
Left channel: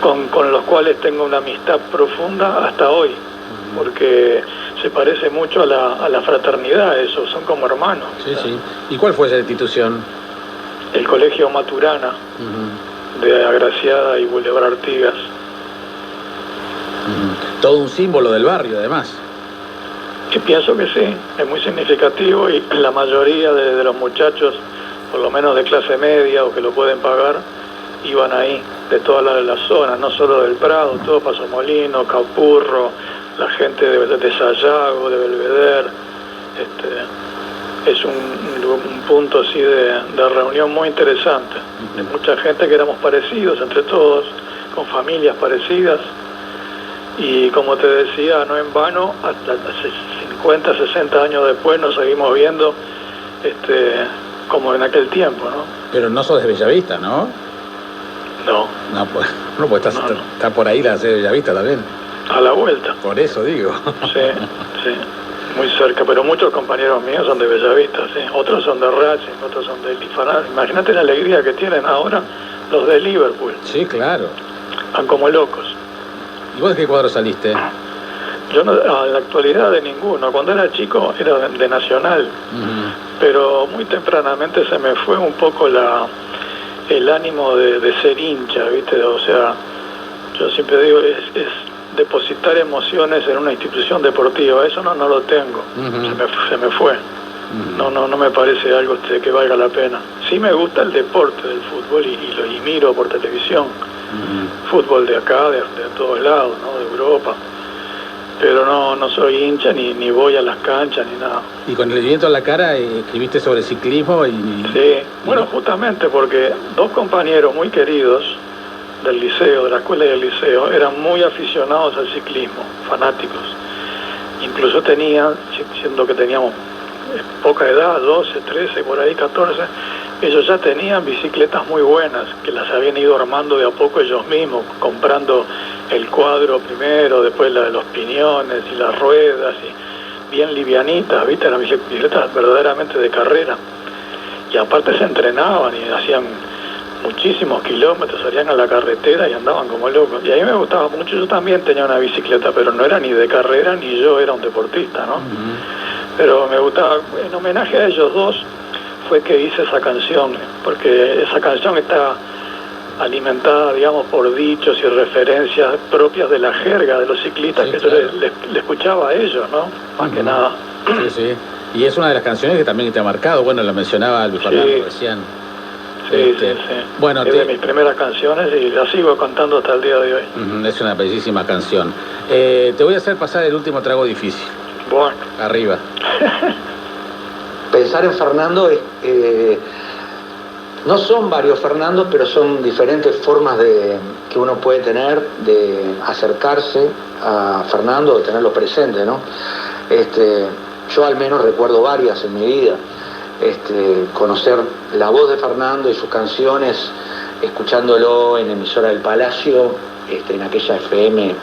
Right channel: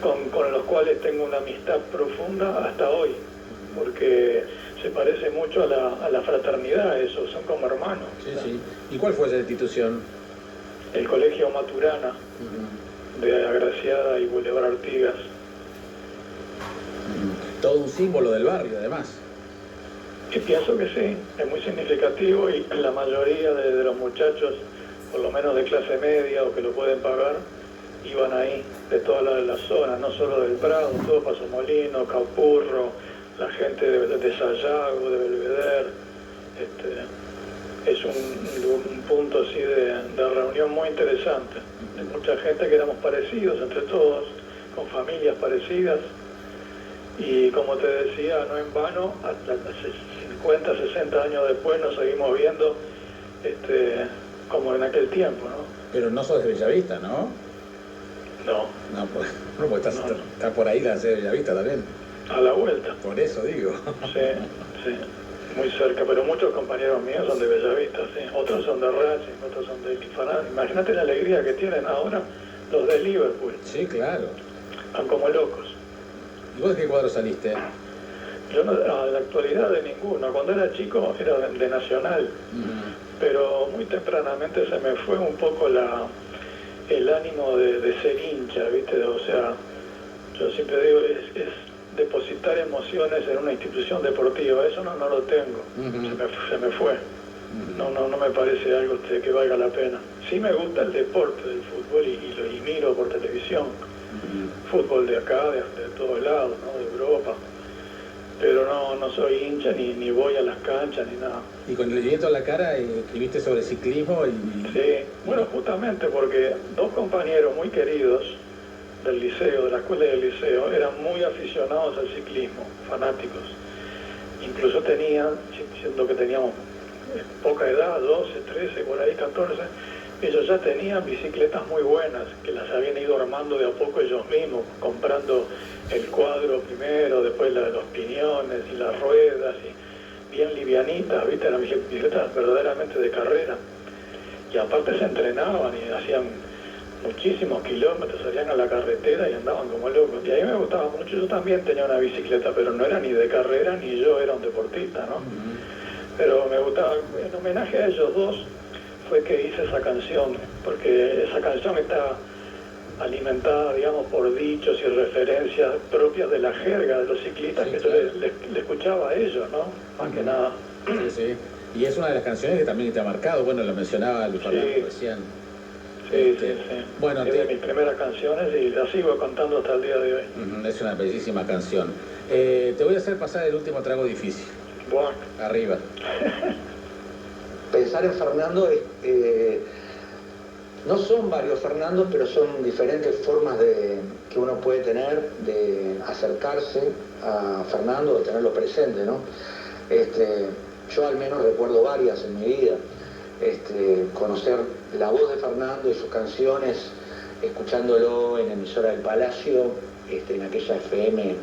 con los cuales tengo una amistad profunda hasta hoy, porque se parece mucho a la fraternidad, eso, son como hermanos. Sí, sí. ¿Y cuál fue esa institución? El Colegio Maturana, de Agraciada y Boulevard Artigas. Todo un símbolo del barrio, además. Y pienso que sí, es muy significativo y la mayoría de los muchachos, por lo menos de clase media o que lo pueden pagar, iban ahí, de toda la zona, no solo del Prado, todo Paso Molino, Capurro, la gente de Sayago, de Belvedere. Es un punto así de reunión muy interesante, de mucha gente que éramos parecidos entre todos, con familias parecidas. Y como te decía, no en vano, hasta 50, 60 años después nos seguimos viendo como en aquel tiempo, ¿no? Pero no sos de Bellavista, ¿no? No. No, pues está por ahí la sede de Bellavista también. A la vuelta. Por eso digo. Sí, sí, muy cerca, pero muchos compañeros míos son de Bellavista, sí. Otros son de Racing, otros son de Lifaná. Imagínate la alegría que tienen ahora los de Liverpool. Sí, claro. Van como locos. ¿Y vos de qué cuadro saliste? Yo no, en la actualidad de ninguno. Cuando era chico era de Nacional, pero muy tempranamente se me fue un poco el ánimo de ser hincha, ¿viste? O sea, yo siempre digo, es depositar emociones en una institución deportiva. Eso no lo tengo. Se me fue. No me parece algo que valga la pena. Sí me gusta el deporte del fútbol y miro por televisión. Fútbol de acá, de todos lados, ¿no? De Europa. Pero no soy hincha ni voy a las canchas ni nada. Y con el viento en la cara escribiste sobre ciclismo y... Sí, bueno, justamente porque 2 compañeros muy queridos del liceo, de la escuela y del liceo, eran muy aficionados al ciclismo, fanáticos. Incluso siendo que teníamos poca edad, 12, 13, por ahí 14, ellos ya tenían bicicletas muy buenas, que las habían ido armando de a poco ellos mismos, comprando el cuadro primero, después la de los piñones y las ruedas, y bien livianitas, ¿viste? Las bicicletas verdaderamente de carrera. Y aparte se entrenaban y hacían muchísimos kilómetros, salían a la carretera y andaban como locos. Y a mí me gustaba mucho, yo también tenía una bicicleta, pero no era ni de carrera ni yo era un deportista, ¿no? Pero me gustaba, en homenaje a ellos dos fue que hice esa canción, porque esa canción está alimentada, digamos, por dichos y referencias propias de la jerga de los ciclistas, sí, que claro, yo le escuchaba a ellos, ¿no? Más que nada. Sí, sí. Y es una de las canciones que también te ha marcado, bueno, lo mencionaba Luis Fernando recién. Sí. Bueno, es de mis primeras canciones y la sigo cantando hasta el día de hoy. Es una bellísima canción. Te voy a hacer pasar el último trago difícil. Bueno. Arriba. Pensar en Fernando es... no son varios Fernandos, pero son diferentes formas que uno puede tener de acercarse a Fernando, de tenerlo presente, ¿no? Yo al menos recuerdo varias en mi vida. Conocer la voz de Fernando y sus canciones, escuchándolo en emisora del Palacio, en aquella FM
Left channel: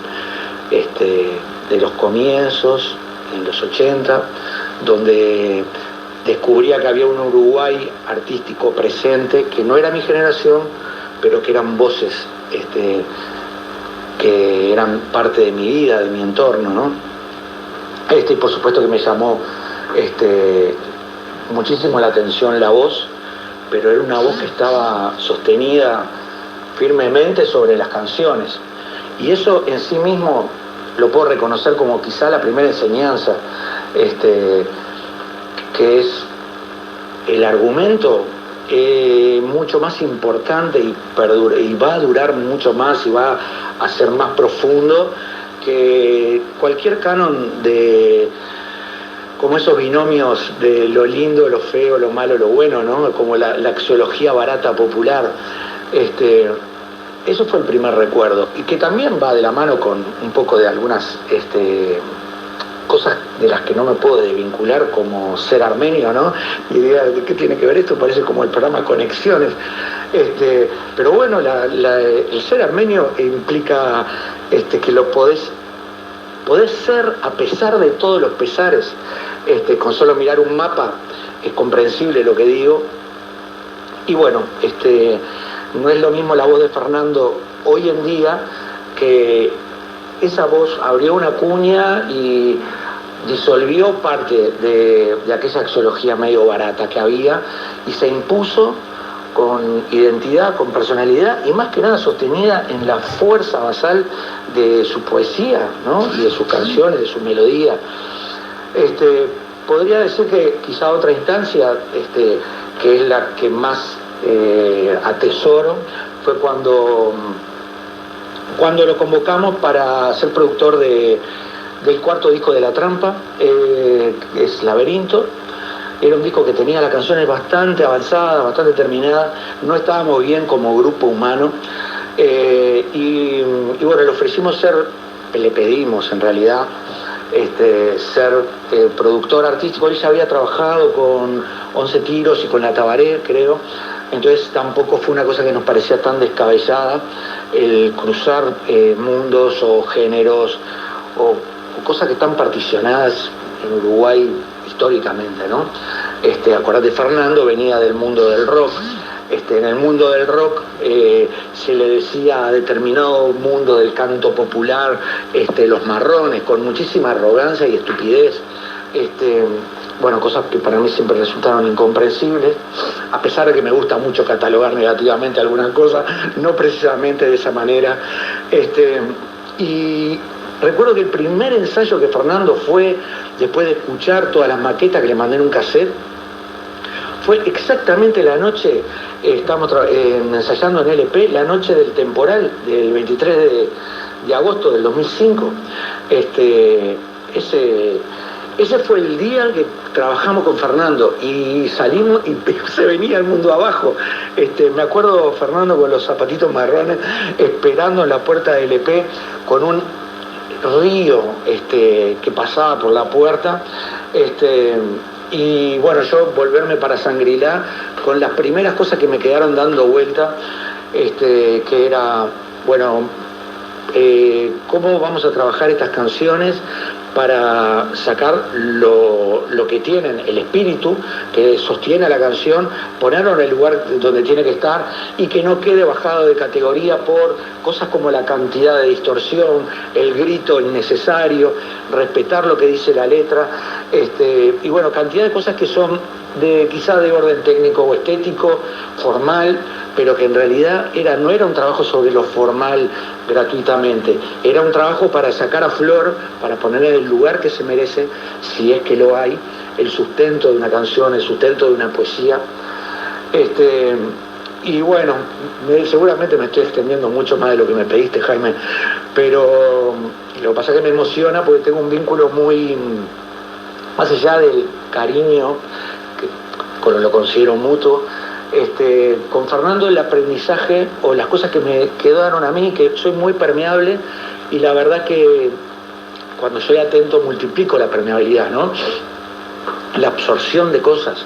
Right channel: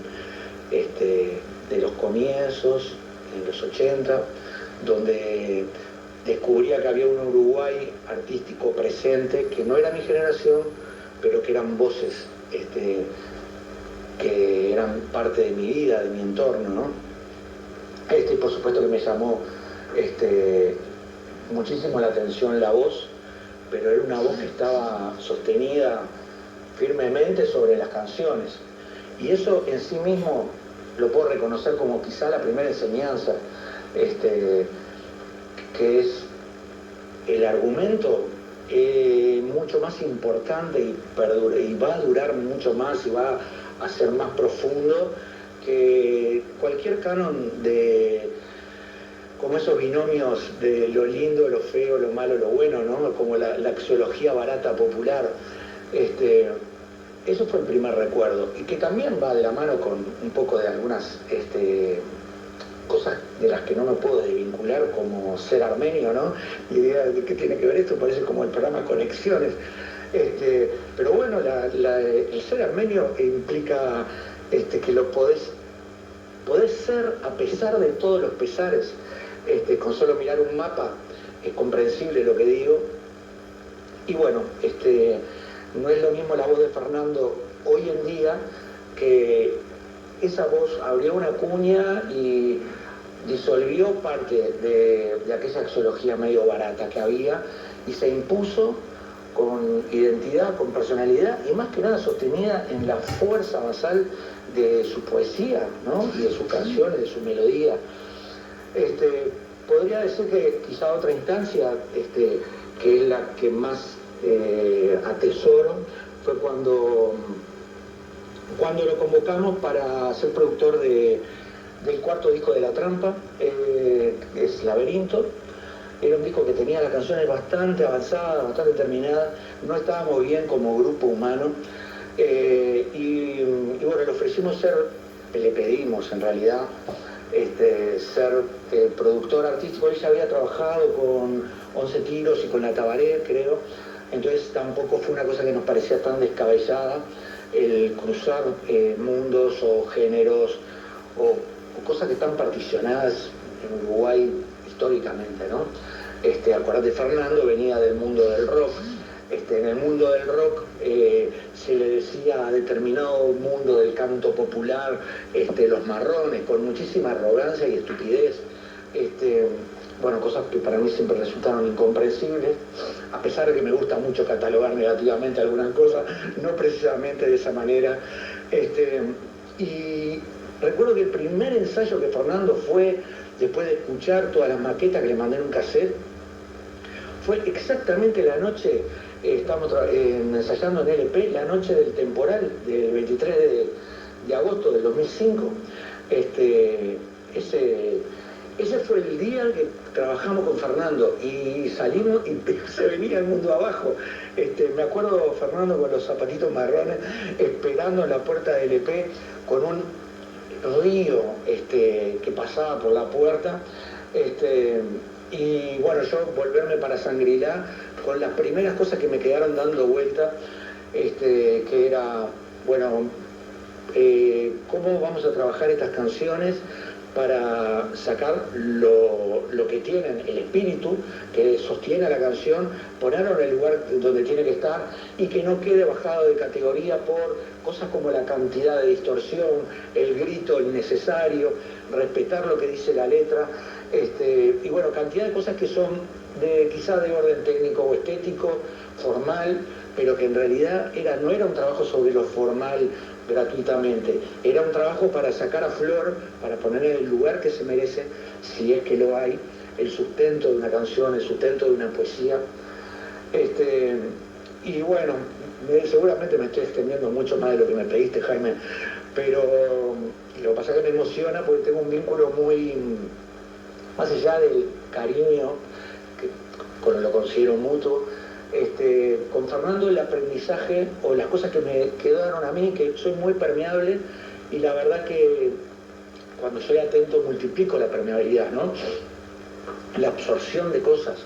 de los comienzos, en los 80, donde descubría que había un Uruguay artístico presente, que no era mi generación, pero que eran voces que eran parte de mi vida, de mi entorno, ¿no? Y por supuesto que me llamó muchísimo la atención la voz, pero era una voz que estaba sostenida firmemente sobre las canciones. Y eso en sí mismo lo puedo reconocer como quizá la primera enseñanza, que es el argumento mucho más importante y va a durar mucho más y va a ser más profundo que cualquier canon como esos binomios de lo lindo, lo feo, lo malo, lo bueno, ¿no? Como la axiología barata popular. Eso fue el primer recuerdo, y que también va de la mano con un poco de algunas cosas de las que no me puedo desvincular, como ser armenio, ¿no? Y idea de qué tiene que ver esto, parece como el programa Conexiones. Pero bueno, el ser armenio implica que lo podés ser a pesar de todos los pesares. Con solo mirar un mapa es comprensible lo que digo. Y bueno, no es lo mismo la voz de Fernando hoy en día, que esa voz abrió una cuña y disolvió parte de aquella axiología medio barata que había y se impuso con identidad, con personalidad y más que nada sostenida en la fuerza basal de su poesía, ¿no? Y de sus canciones, de su melodía. Podría decir que quizá otra instancia, que es la que más atesoro, fue cuando lo convocamos para ser productor del cuarto disco de La Trampa, que es Laberinto. Era un disco que tenía las canciones bastante avanzadas, bastante terminadas, no estábamos bien como grupo humano, y bueno, le pedimos en realidad ser productor artístico. Él ya había trabajado con 11 Tiros y con La Tabaré, creo, entonces tampoco fue una cosa que nos parecía tan descabellada el cruzar mundos o géneros o cosas que están particionadas en Uruguay históricamente, ¿no? Acordate, Fernando venía del mundo del rock. En el mundo del rock se le decía a determinado mundo del canto popular los marrones, con muchísima arrogancia y estupidez. Bueno, cosas que para mí siempre resultaron incomprensibles, a pesar de que me gusta mucho catalogar negativamente algunas cosas, no precisamente de esa manera. Y recuerdo que el primer ensayo que Fernando fue, después de escuchar todas las maquetas que le mandé en un cassette, fue exactamente la noche, estamos ensayando en LP, la noche del temporal del 23 de agosto del 2005. Ese fue el día que trabajamos con Fernando y salimos y se venía el mundo abajo. Me acuerdo Fernando con los zapatitos marrones esperando en la puerta del LP con un río que pasaba por la puerta. Y bueno, yo volverme para Shangri-La con las primeras cosas que me quedaron dando vuelta, que era, bueno, cómo vamos a trabajar estas canciones para sacar lo que tienen, el espíritu que sostiene a la canción, ponerlo en el lugar donde tiene que estar y que no quede bajado de categoría por cosas como la cantidad de distorsión, el grito innecesario, respetar lo que dice la letra, y bueno, cantidad de cosas que son quizá de orden técnico o estético, formal, pero que en realidad no era un trabajo sobre lo formal gratuitamente, era un trabajo para sacar a flor, para poner en el lugar que se merece, si es que lo hay, el sustento de una canción, el sustento de una poesía. Y bueno, seguramente me estoy extendiendo mucho más de lo que me pediste, Jaime, pero lo que pasa es que me emociona porque tengo un vínculo muy, más allá del cariño, que lo considero mutuo, con Fernando el aprendizaje o las cosas que me quedaron a mí, que soy muy permeable y la verdad que cuando soy atento multiplico la permeabilidad, ¿no? La absorción de cosas.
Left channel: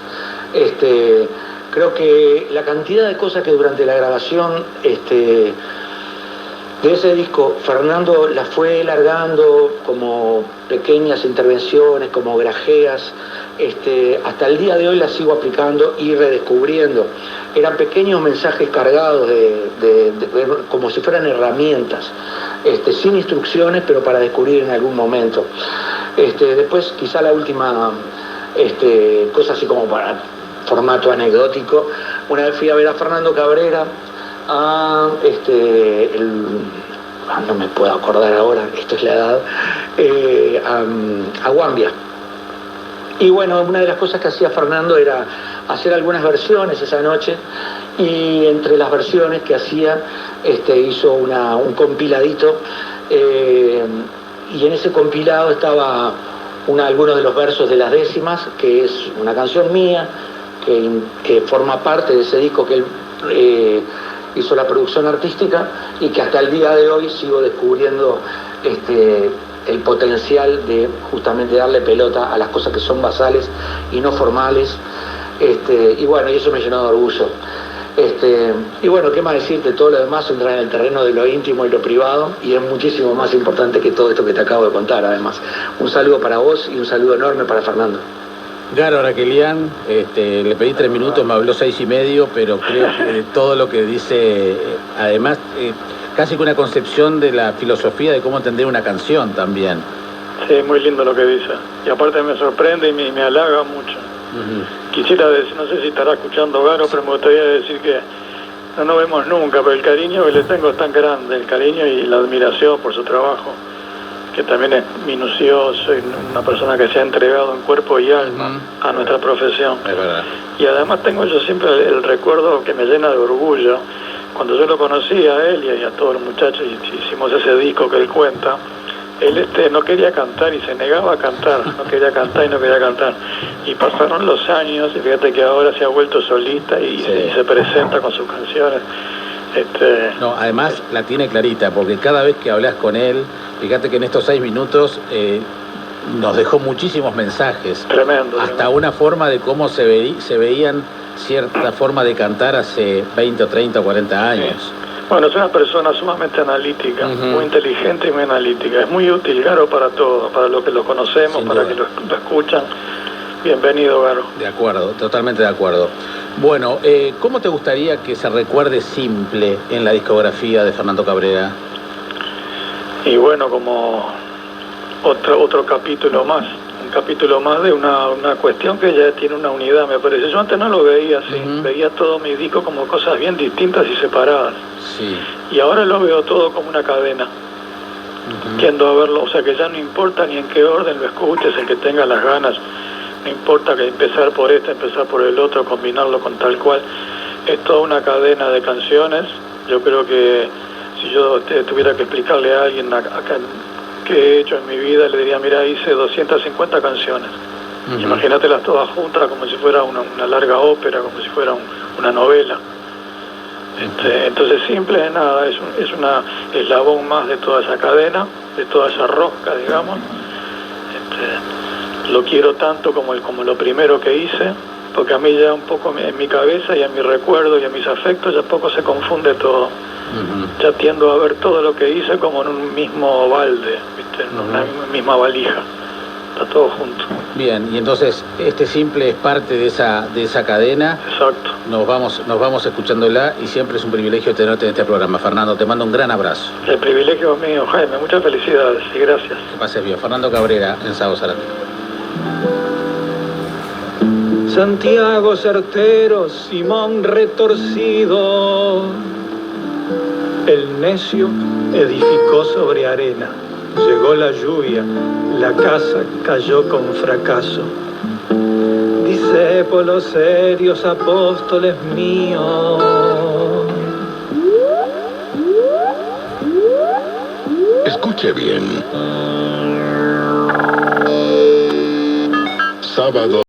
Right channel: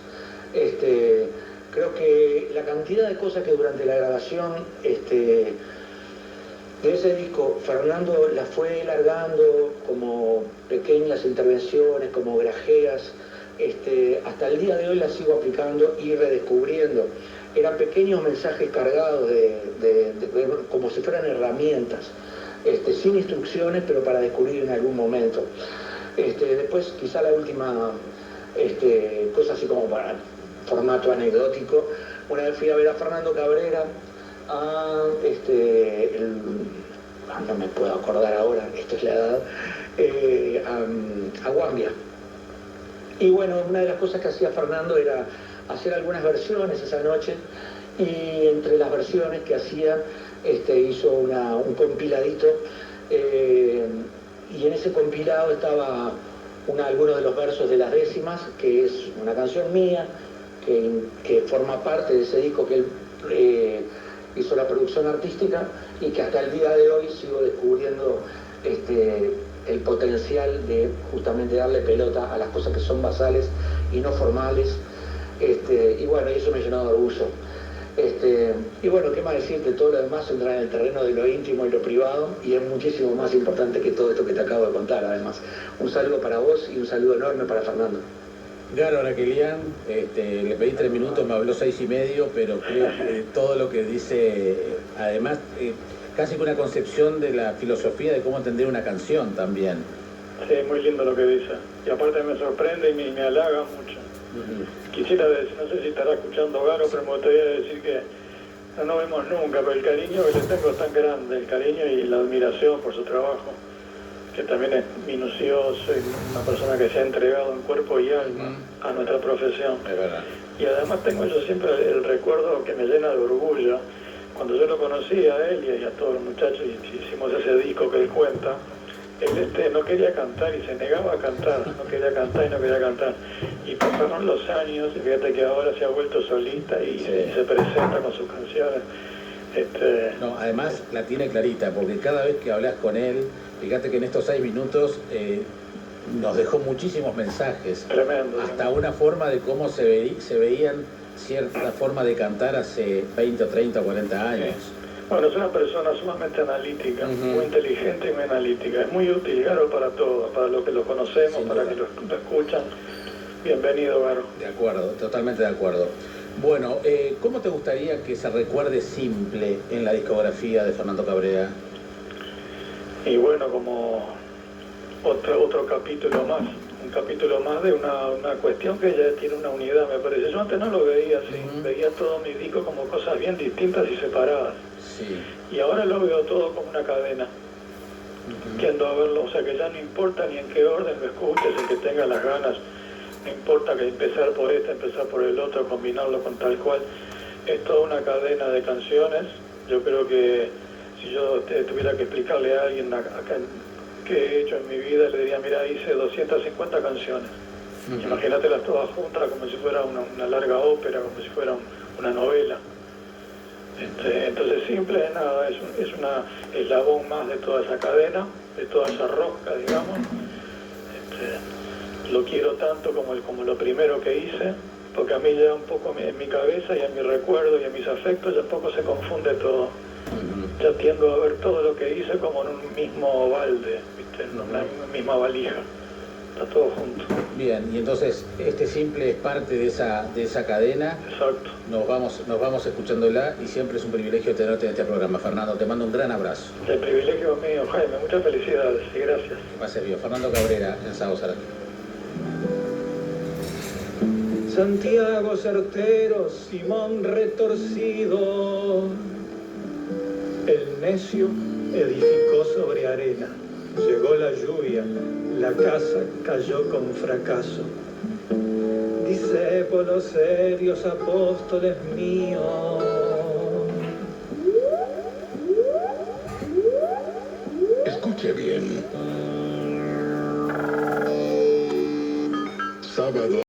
Creo que la cantidad de cosas que durante la grabación de ese disco Fernando las fue largando como pequeñas intervenciones, como grajeas, hasta el día de hoy las sigo aplicando y redescubriendo. Eran pequeños mensajes cargados como si fueran herramientas, sin instrucciones, pero para descubrir en algún momento. Después, quizá la última cosa así como para formato anecdótico, una vez fui a ver a Fernando Cabrera no me puedo acordar ahora, esto es la edad, a Guambia. Y bueno, una de las cosas que hacía Fernando era hacer algunas versiones esa noche, y entre las versiones que hacía hizo un compiladito, y en ese compilado estaba algunos de los versos de Las Décimas, que es una canción mía que forma parte de ese disco que él hizo la producción artística, y que hasta el día de hoy sigo descubriendo el potencial de justamente darle pelota a las cosas que son basales y no formales, y bueno, y eso me llenó de orgullo. Y bueno, ¿qué más decirte? Todo lo demás entra en el terreno de lo íntimo y lo privado, y es muchísimo más importante que todo esto que te acabo de contar, además. Un saludo para vos y un saludo enorme para Fernando. Garo Araquelian, le pedí 3 minutos, me habló 6 y medio, pero creo que todo lo que dice, además, casi que una concepción de la filosofía de cómo entender una canción también. Sí, muy lindo lo que dice. Y aparte me sorprende y me halaga mucho. Quisiera decir, no sé si estará escuchando Garo, pero me gustaría decir que no nos vemos nunca, pero el cariño que le tengo es tan grande, el cariño y la admiración por su trabajo, que también es minucioso y una persona que se ha entregado en cuerpo y alma a nuestra profesión. Es verdad. Y además tengo yo siempre el recuerdo que me llena de orgullo. Cuando yo lo conocí a él y a todos los muchachos y hicimos ese disco que él cuenta, él no quería cantar y se negaba a cantar, no quería cantar y no quería cantar. Y pasaron los años y fíjate que ahora se ha vuelto solista y se presenta con sus canciones. No, además la tiene clarita, porque cada vez que hablas con él, fíjate que en estos 6 minutos nos dejó muchísimos mensajes. Tremendo. Hasta una forma de cómo se veían cierta forma de cantar hace 20 o 30 o 40 años. Sí. Bueno, es una persona sumamente analítica, muy inteligente y muy analítica. Es muy útil, Garo, para todo, para los que lo conocemos, para que lo escuchan. Bienvenido, Garo. De acuerdo, totalmente de acuerdo. Bueno, ¿cómo te gustaría que se recuerde Simple en la discografía de Fernando Cabrera? Y bueno, como otro capítulo más, un capítulo más de una cuestión que ya tiene una unidad, me parece. Yo antes no lo veía así, veía todo mi disco como cosas bien distintas y separadas. Sí. Y ahora lo veo todo como una cadena. Tiendo a verlo, o sea que ya no importa ni en qué orden lo escuches, el que tenga las ganas, no importa que empezar por empezar por el otro, combinarlo con tal cual. Es toda una cadena de canciones. Yo creo que si yo tuviera que explicarle a alguien acá qué he hecho en mi vida, le diría, mira, hice 250 canciones. Imagínatelas todas juntas como si fuera una larga ópera, como si fuera una novela. Entonces Simple es nada, es una eslabón más de toda esa cadena, de toda esa rosca, digamos. Lo quiero tanto como lo primero que hice, porque a mí ya un poco en mi cabeza y en mi recuerdo y en mis afectos ya un poco se confunde todo. Ya tiendo a ver todo lo que hice como en un mismo balde, ¿viste? En una misma valija. Está todo junto. Bien, y entonces este simple es parte de esa cadena. Exacto. Nos vamos escuchándola y siempre es un privilegio tenerte en este programa. Fernando, te mando un gran abrazo. El privilegio es mío, Jaime. Muchas felicidades y gracias. Que pases bien. Fernando Cabrera, en Sábado Zarate. Santiago certero, Simón retorcido. El necio edificó sobre arena. Llegó la lluvia, la casa cayó con fracaso. Discípulos serios, apóstoles míos. Escuche bien. Sábado.